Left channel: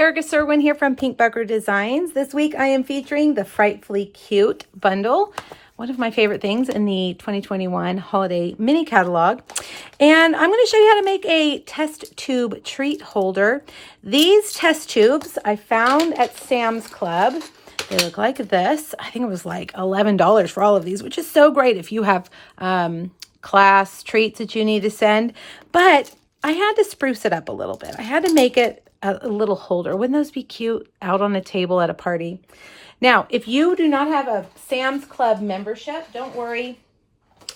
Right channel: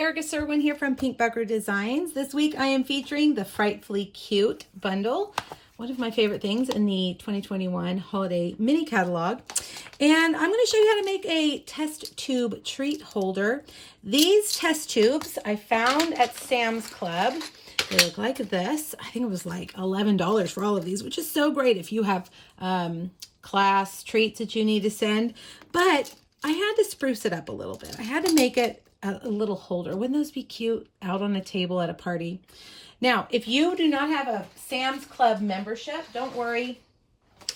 Erica Serwin here from Pink Bucker Designs. This week I am featuring the Frightfully Cute bundle, one of my favorite things in the 2021 holiday mini catalog. And I'm going to show you how to make a test tube treat holder. These test tubes I found at Sam's Club. They look like this. I think it was like $11 for all of these, which is so great if you have class treats that you need to send. But I had to spruce it up a little bit. I had to make it a little holder. Wouldn't those be cute out on a table at a party? Now, if you do not have a Sam's Club membership, don't worry.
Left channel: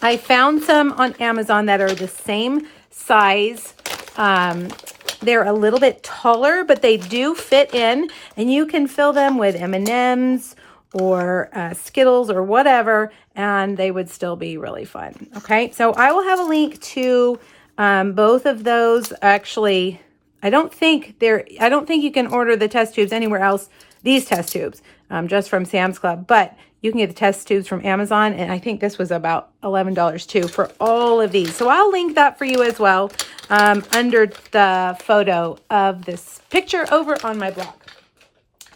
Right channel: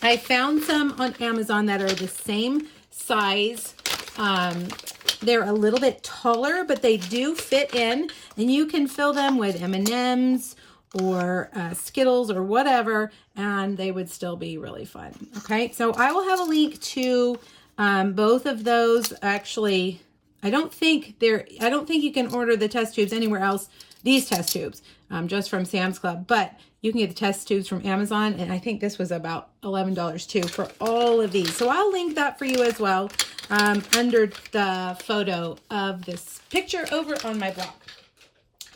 I found some on Amazon that are the same size. They're a little bit taller, but they do fit in, and you can fill them with M&Ms or Skittles or whatever, and they would still be really fun. Okay, so I will have a link to both of those. Actually, I don't think you can order the test tubes anywhere else, these test tubes, just from Sam's Club, but you can get the test tubes from Amazon, and I think this was about $11 too for all of these. So I'll link that for you as well under the photo of this picture over on my blog.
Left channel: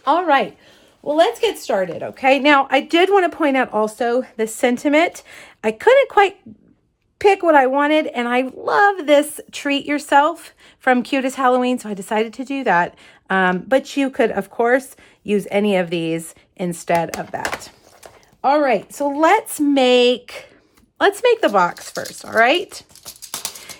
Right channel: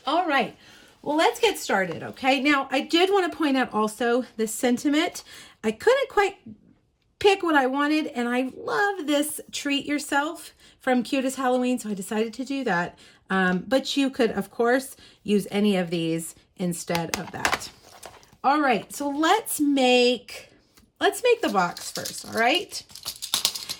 All right, well, let's get started, okay? Now, I did want to point out also the sentiment. I couldn't quite pick what I wanted, and I love this treat yourself from Cute as Halloween, so I decided to do that. But you could, of course, use any of these instead of that. All right, so let's make the box first, all right?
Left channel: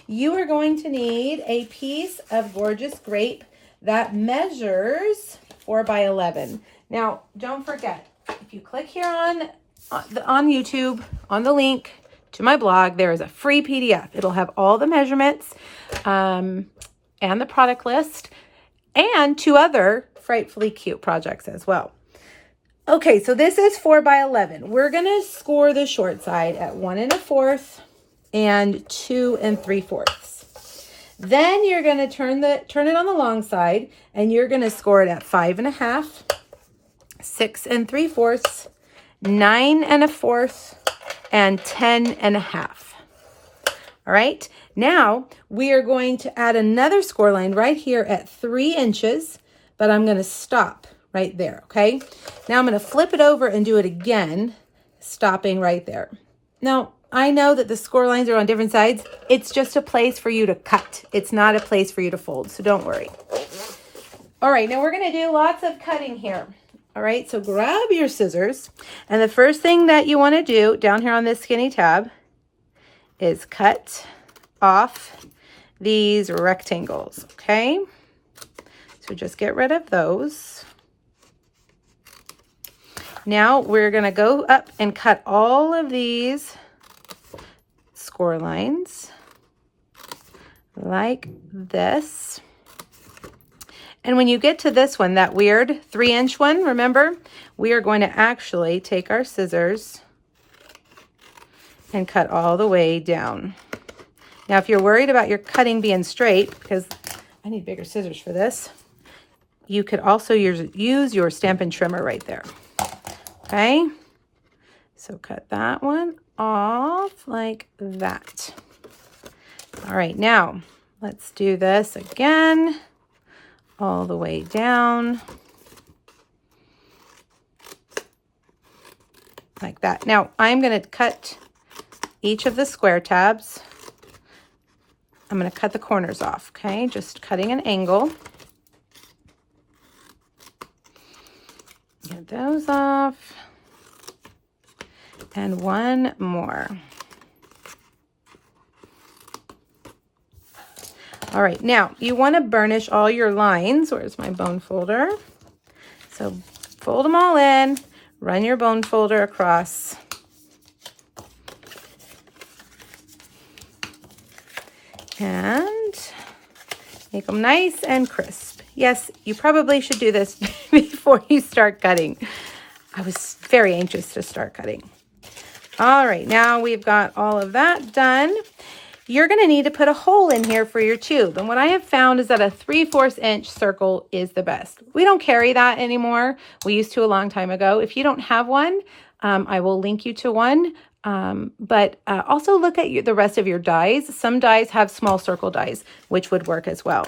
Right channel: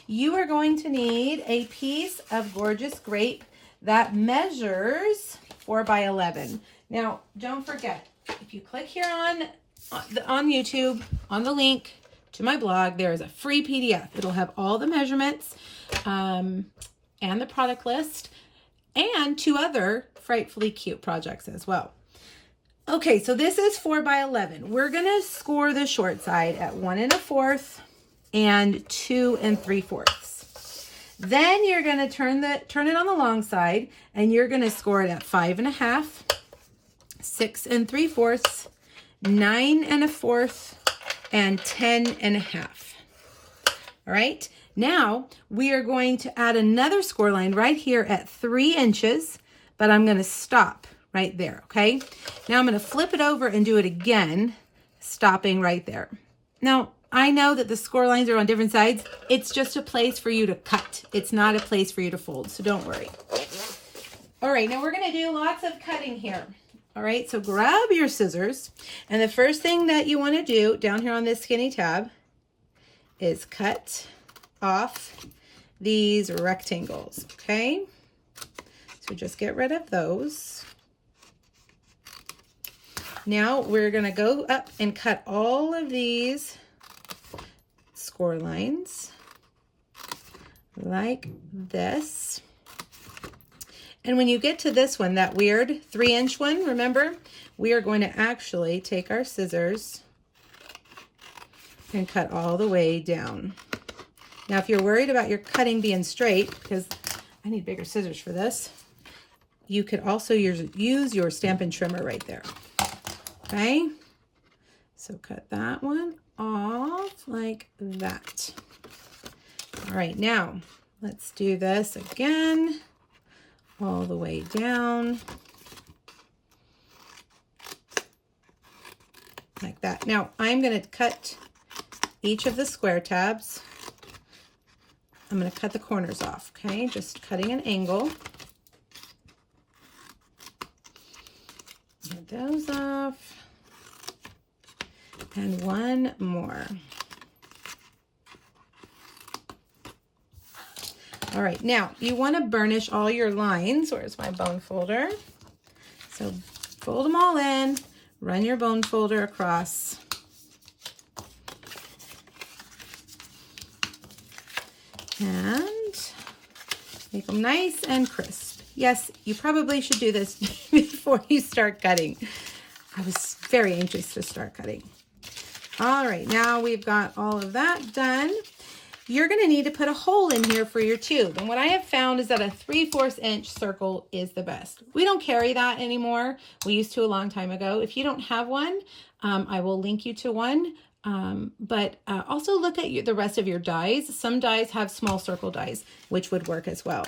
You are going to need a piece of gorgeous grape that measures 4 by 11. Now, don't forget, if you click here on YouTube, on the link to my blog, there is a free PDF. It'll have all the measurements and the product list and 2 other Frightfully Cute projects as well. Okay, so this is 4 by 11. We're gonna score the short side at 1 1/4 and 2 3/4. Then you're gonna turn it on the long side, and you're gonna score it at 5 1/2, 6 3/4, 9 1/4, and 10 1/2. All right, now we are going to add another score line right here at 3 inches, but I'm gonna stop right there, okay? Now I'm gonna flip it over and do it again, stopping right there. Now, I know that the score lines are on different sides. It's just a place for you to cut. It's not a place for you to fold, so don't worry. All right, now we're gonna do lots of cutting here. All right, so grab your scissors, and the first thing that you wanna do down here on this skinny tab is cut off these rectangles, okay? So just get rid of those. Now we're gonna go up and cut all of these score lines like this. And when you get to this one, that weird 3-inch one, remember, we are going to actually take our scissors and cut all the way down. Now, if you're worried about your cutting being straight, because I need bigger scissors for this, you could also use your Stampin' Trimmer right there. Okay, so cut that one off like that. All right, now let's do this again, all the way down like that. Now I'm going to cut each of the square tabs. I'm going to cut the corners off, okay? Just cutting an angle. Get those off. And one more. All right, now you want to burnish all your lines. Where's my bone folder? So fold them all in, run your bone folder across. And make them nice and crisp. Yes, you probably should do this before you start cutting. I was very anxious to start cutting. All right, now we've got all of that done. You're gonna need to put a hole in here for your tube. And what I have found is that a 3/4 inch circle is the best. We don't carry that anymore. We used to a long time ago. If you don't have one, I will link you to one. But also look at the rest of your dies. Some dies have small circle dies, which would work as well.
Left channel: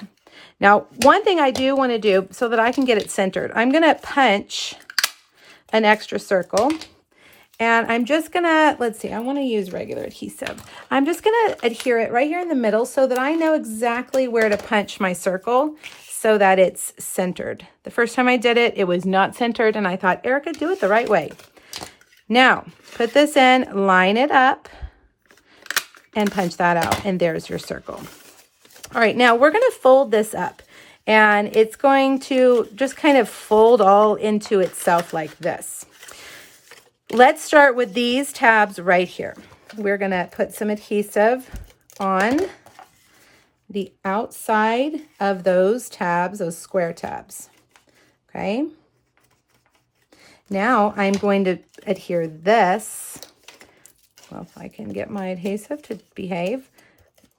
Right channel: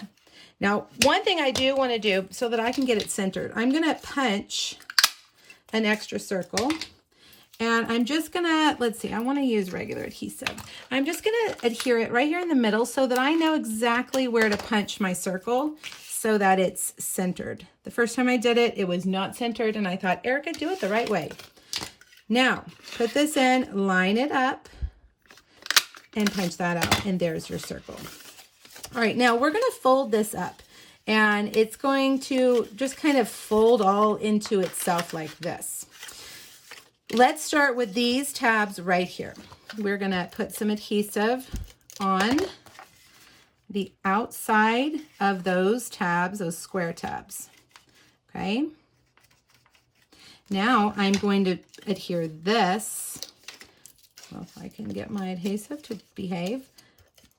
Now, one thing I do want to do so that I can get it centered, I'm going to punch an extra circle. And I'm just going to, let's see, I want to use regular adhesive. I'm just going to adhere it right here in the middle so that I know exactly where to punch my circle so that it's centered. The first time I did it, it was not centered, and I thought, Erica, do it the right way. Now, put this in, line it up, and punch that out, and there's your circle. All right, now we're going to fold this up, and it's going to just kind of fold all into itself like this. Let's start with these tabs right here. We're going to put some adhesive on the outside of those tabs, those square tabs. Okay. Now I'm going to adhere this. Well, if I can get my adhesive to behave,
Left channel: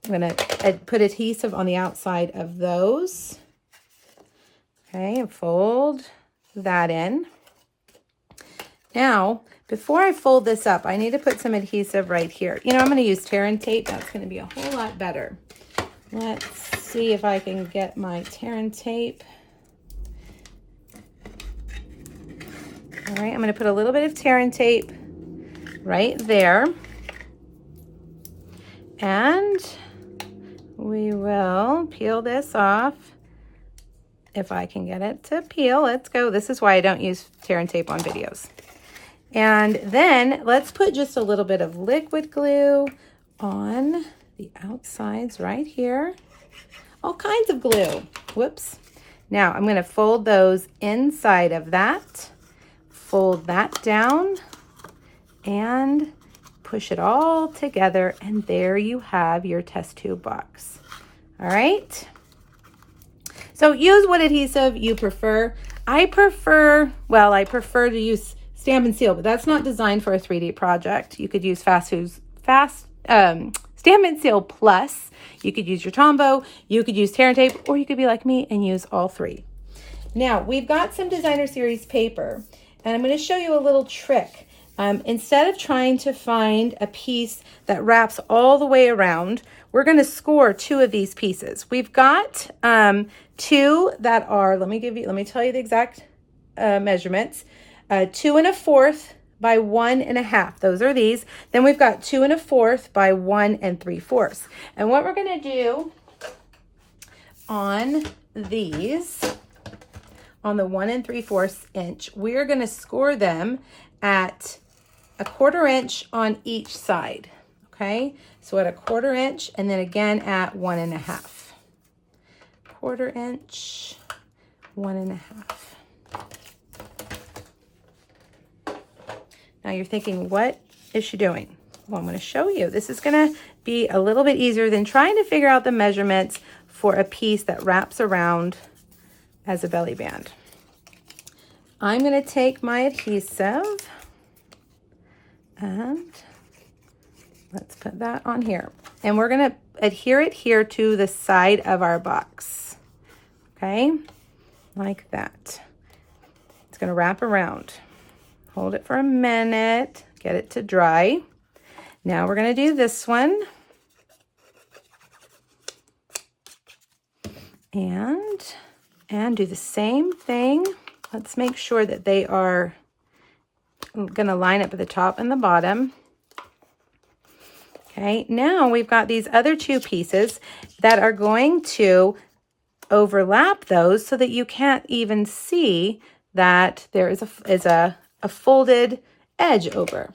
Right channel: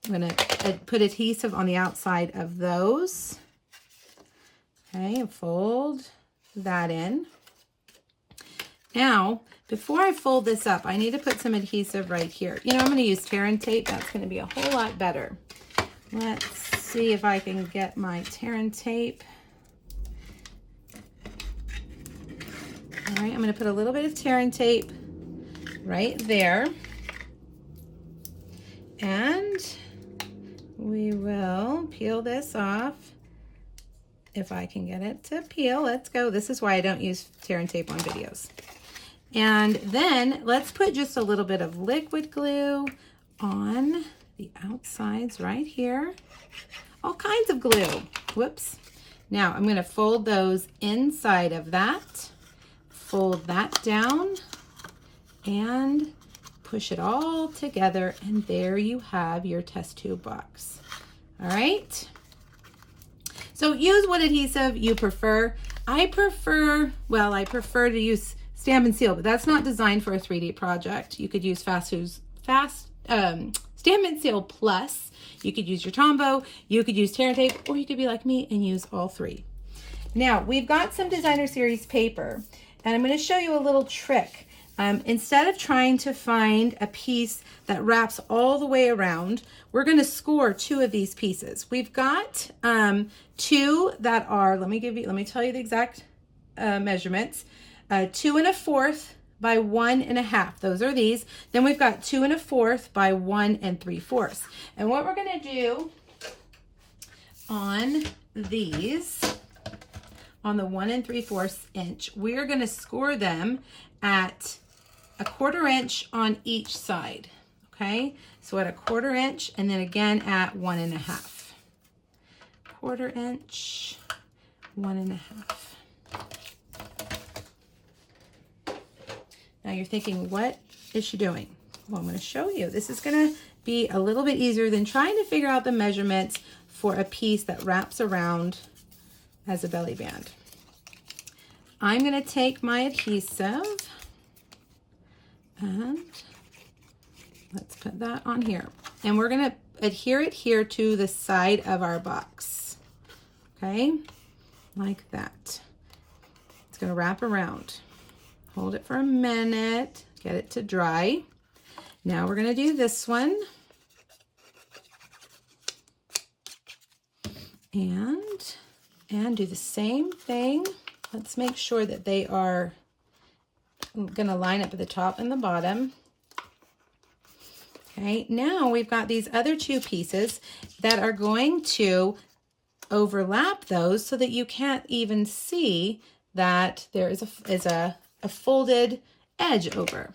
I'm going to put adhesive on the outside of those. Okay, and fold that in. Now, before I fold this up, I need to put some adhesive right here. You know, I'm going to use tear and tape. That's going to be a whole lot better. Let's see if I can get my tear and tape. All right, I'm going to put a little bit of tear and tape right there. And we will peel this off. If I can get it to peel, let's go. This is why I don't use tear and tape on videos. And then let's put just a little bit of liquid glue on the outsides right here. All kinds of glue. Whoops. Now I'm going to fold those inside of that. Fold that down and push it all together. And there you have your test tube box. All right. So use what adhesive you prefer. I prefer to use Stamp and Seal, but that's not designed for a 3D project. You could use Stamp and Seal Plus. You could use your Tombow, you could use tear and tape, or you could be like me and use all three. Now, we've got some Designer Series paper, and I'm going to show you a little trick. Instead of trying to find a piece that wraps all the way around, we're going to score 2 of these pieces. We've got 2 that are, let me tell you the exact measurements. 2 1/4 by 1 1/2. Those are these. Then we've got 2 1/4 by 1 3/4. And what we're going to do on these, on the 1 3/4 inch, we're going to score them at 1/4 inch on each side. Okay, so at 1/4 inch, and then again at 1 1/2. 1/4 inch, 1 1/2. Now you're thinking, what is she doing? Well, I'm going to show you. This is going to be a little bit easier than trying to figure out the measurements for a piece that wraps around as a belly band. I'm going to take my adhesive and let's put that on here. And we're going to adhere it here to the side of our box. Okay, like that. It's going to wrap around. Hold it for a minute, get it to dry. Now we're going to do this one. And do the same thing. Let's make sure that they are going to line up at the top and the bottom. Okay, now we've got these other 2 pieces that are going to overlap those so that you can't even see that there is a folded edge over.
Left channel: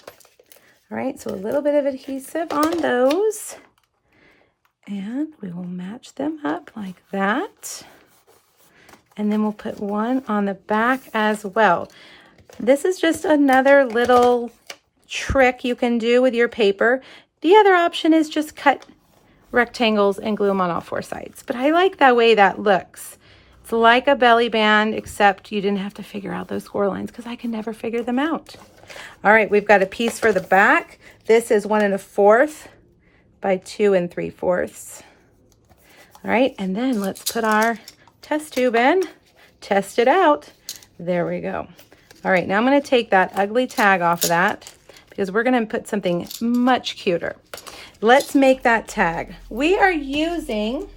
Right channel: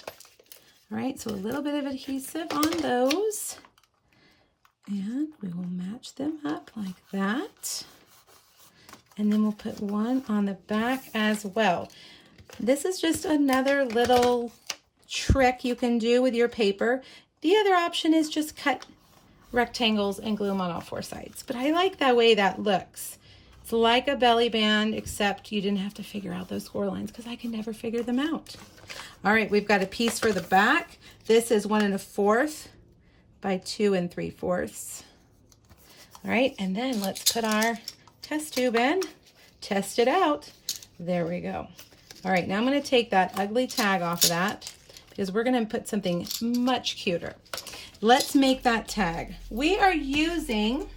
All right, so a little bit of adhesive on those, and we will match them up like that. And then we'll put one on the back as well. This is just another little trick you can do with your paper. The other option is just cut rectangles and glue them on all 4 sides. But I like the way that looks. It's like a belly band, except you didn't have to figure out those score lines because I can never figure them out. All right, we've got a piece for the back. This is 1 1/4 by 2 3/4. All right, and then let's put our test tube in, test it out. There we go. All right, now I'm going to take that ugly tag off of that because we're going to put something much cuter. Let's make that tag. We are using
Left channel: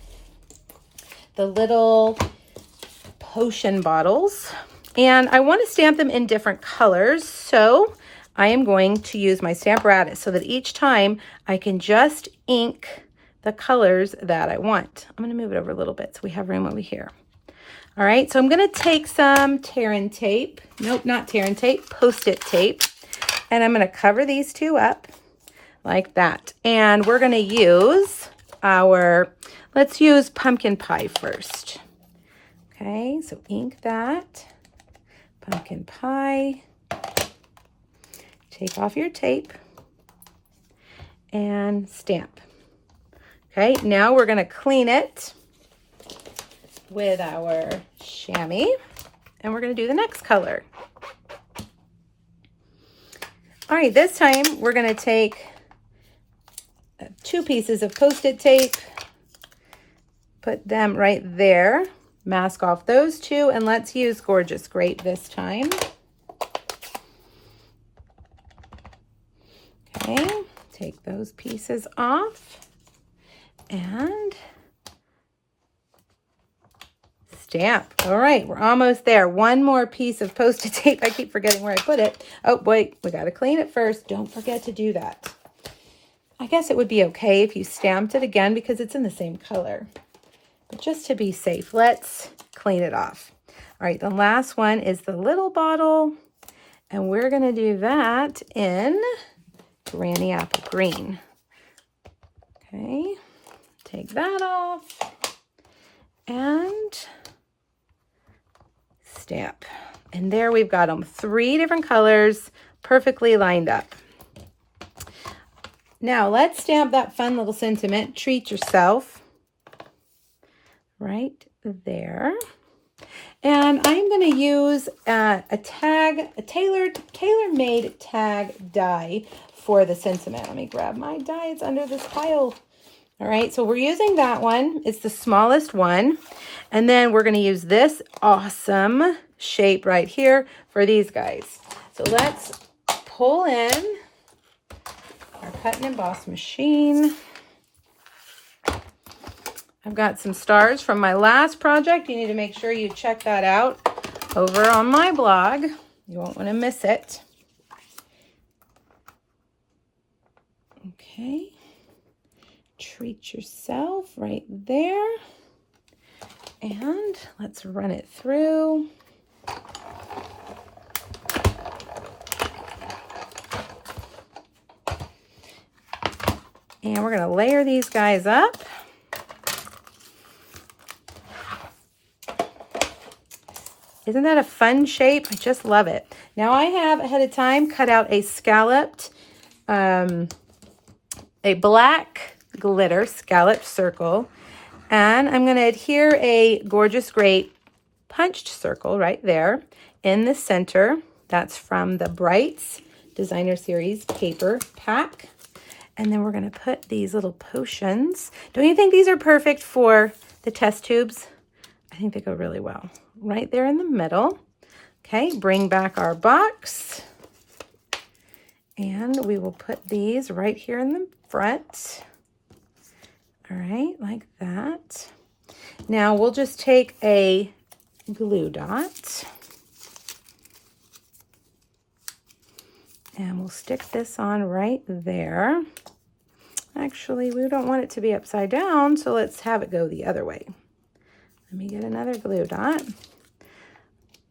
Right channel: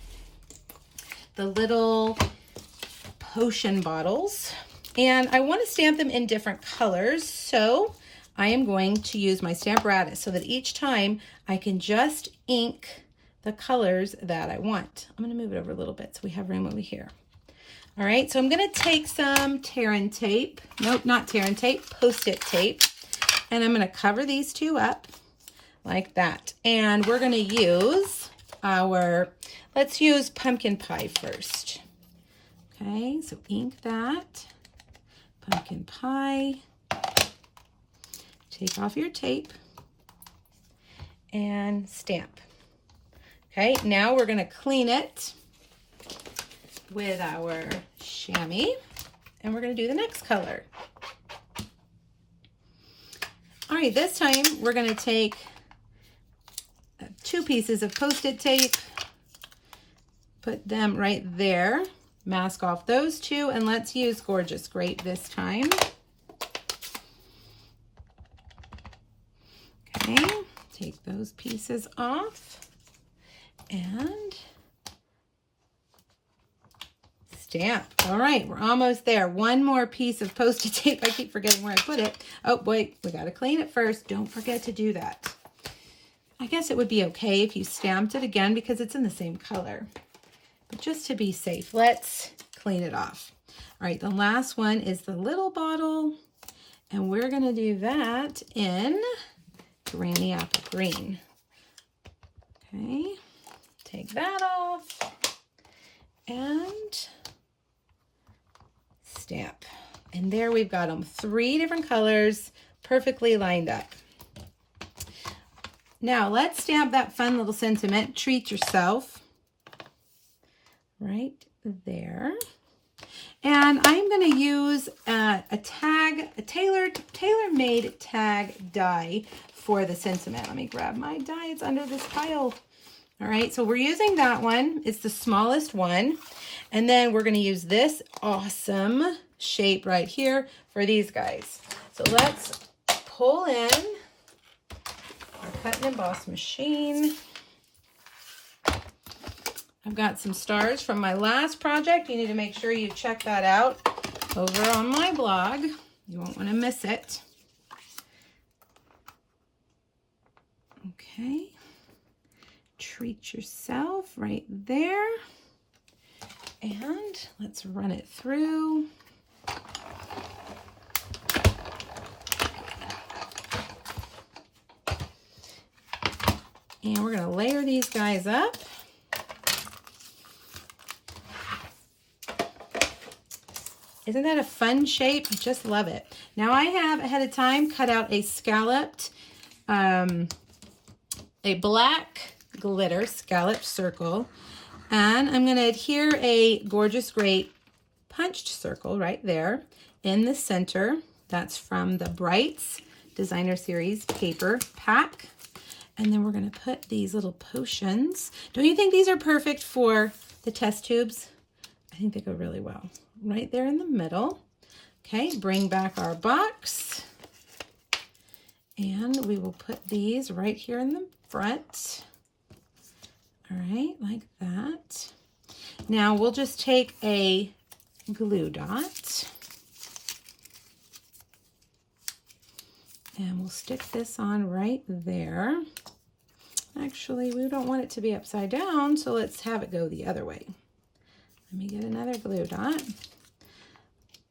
the little potion bottles. And I want to stamp them in different colors. So I am going to use my Stamparatus so that each time I can just ink the colors that I want. I'm going to move it over a little bit so we have room over here. All right, so I'm going to take some Terran tape. Nope, not Terran tape, Post-it tape. And I'm going to cover these two up like that. And we're going to use let's use pumpkin pie first. Okay, so ink that. Pumpkin pie. Take off your tape and stamp. Okay, now we're going to clean it with our chamois, and we're going to do the next color. All right, this time we're going to take 2 pieces of Post-it tape, put them right there, mask off those 2, and let's use Gorgeous Grape this time. Okay, take those pieces off and stamp. All right, we're almost there. One more piece of Post-it tape. I keep forgetting where I put it. Oh, wait, we got to clean it first. Don't forget to do that. I guess it would be okay if you stamped it again because it's in the same color. But just to be safe, let's clean it off. All right, the last one is the little bottle, and we're going to do that in Granny Apple Green. Okay, take that off and stamp. And there we've got them, 3 different colors, perfectly lined up. Now let's stamp that fun little sentiment, treat yourself, right there. And I'm going to use a tailor-made tag die for the sentiment. Let me grab my die, it's under this pile. All right, so we're using that one. It's the smallest one. And then we're going to use this awesome shape right here for these guys. So let's pull in our cut and emboss machine. I've got some stars from my last project. You need to make sure you check that out over on my blog. You won't want to miss it. Okay. Treat yourself right there. And let's run it through. And we're going to layer these guys up. Isn't that a fun shape? I just love it. Now I have ahead of time cut out a scalloped, a black glitter scalloped circle. And I'm going to adhere a Gorgeous Grape punched circle right there in the center. That's from the Brights Designer Series paper pack. And then we're going to put these little potions. Don't you think these are perfect for the test tubes? I think they go really well. Right there in the middle. Okay, bring back our box. And we will put these right here in the front. All right, like that. Now we'll just take a glue dot and we'll stick this on right there. Actually, we don't want it to be upside down, so let's have it go the other way. Let me get another glue dot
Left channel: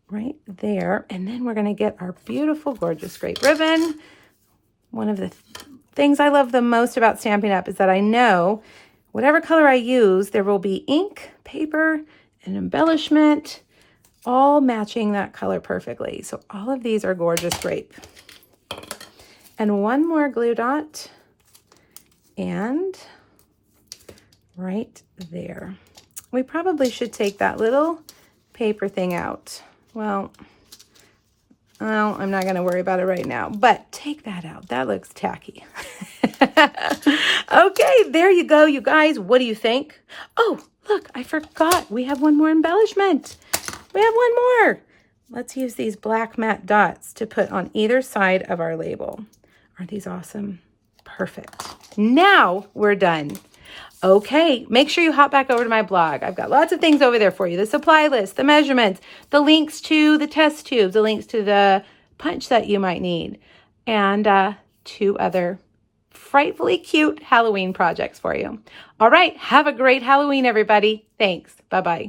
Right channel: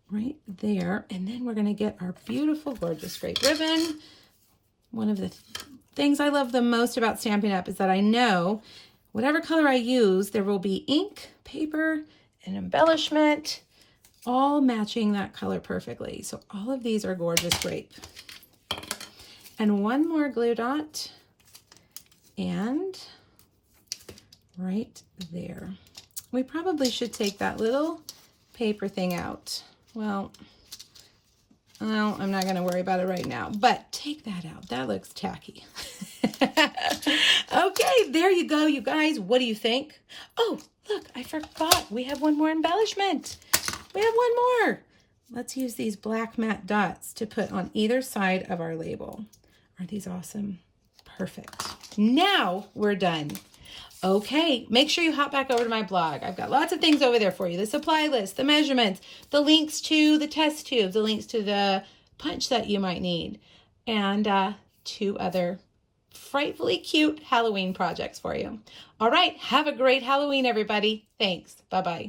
right there, and then we're going to get our beautiful Gorgeous Grape ribbon. One of the things I love the most about Stampin' Up! Is that I know whatever color I use, there will be ink, paper, and embellishment, all matching that color perfectly. So all of these are Gorgeous Grape. And one more glue dot, and right there. We probably should take that little paper thing out. Well, I'm not going to worry about it right now, but take that out. That looks tacky. Okay, there you go, you guys. What do you think? Oh, look, I forgot. We have one more embellishment. We have one more. Let's use these black matte dots to put on either side of our label. Aren't these awesome? Perfect. Now we're done. Okay, make sure you hop back over to my blog. I've got lots of things over there for you. The supply list, the measurements, the links to the test tubes, the links to the punch that you might need, and 2 other frightfully cute Halloween projects for you. All right, have a great Halloween, everybody. Thanks. Bye-bye.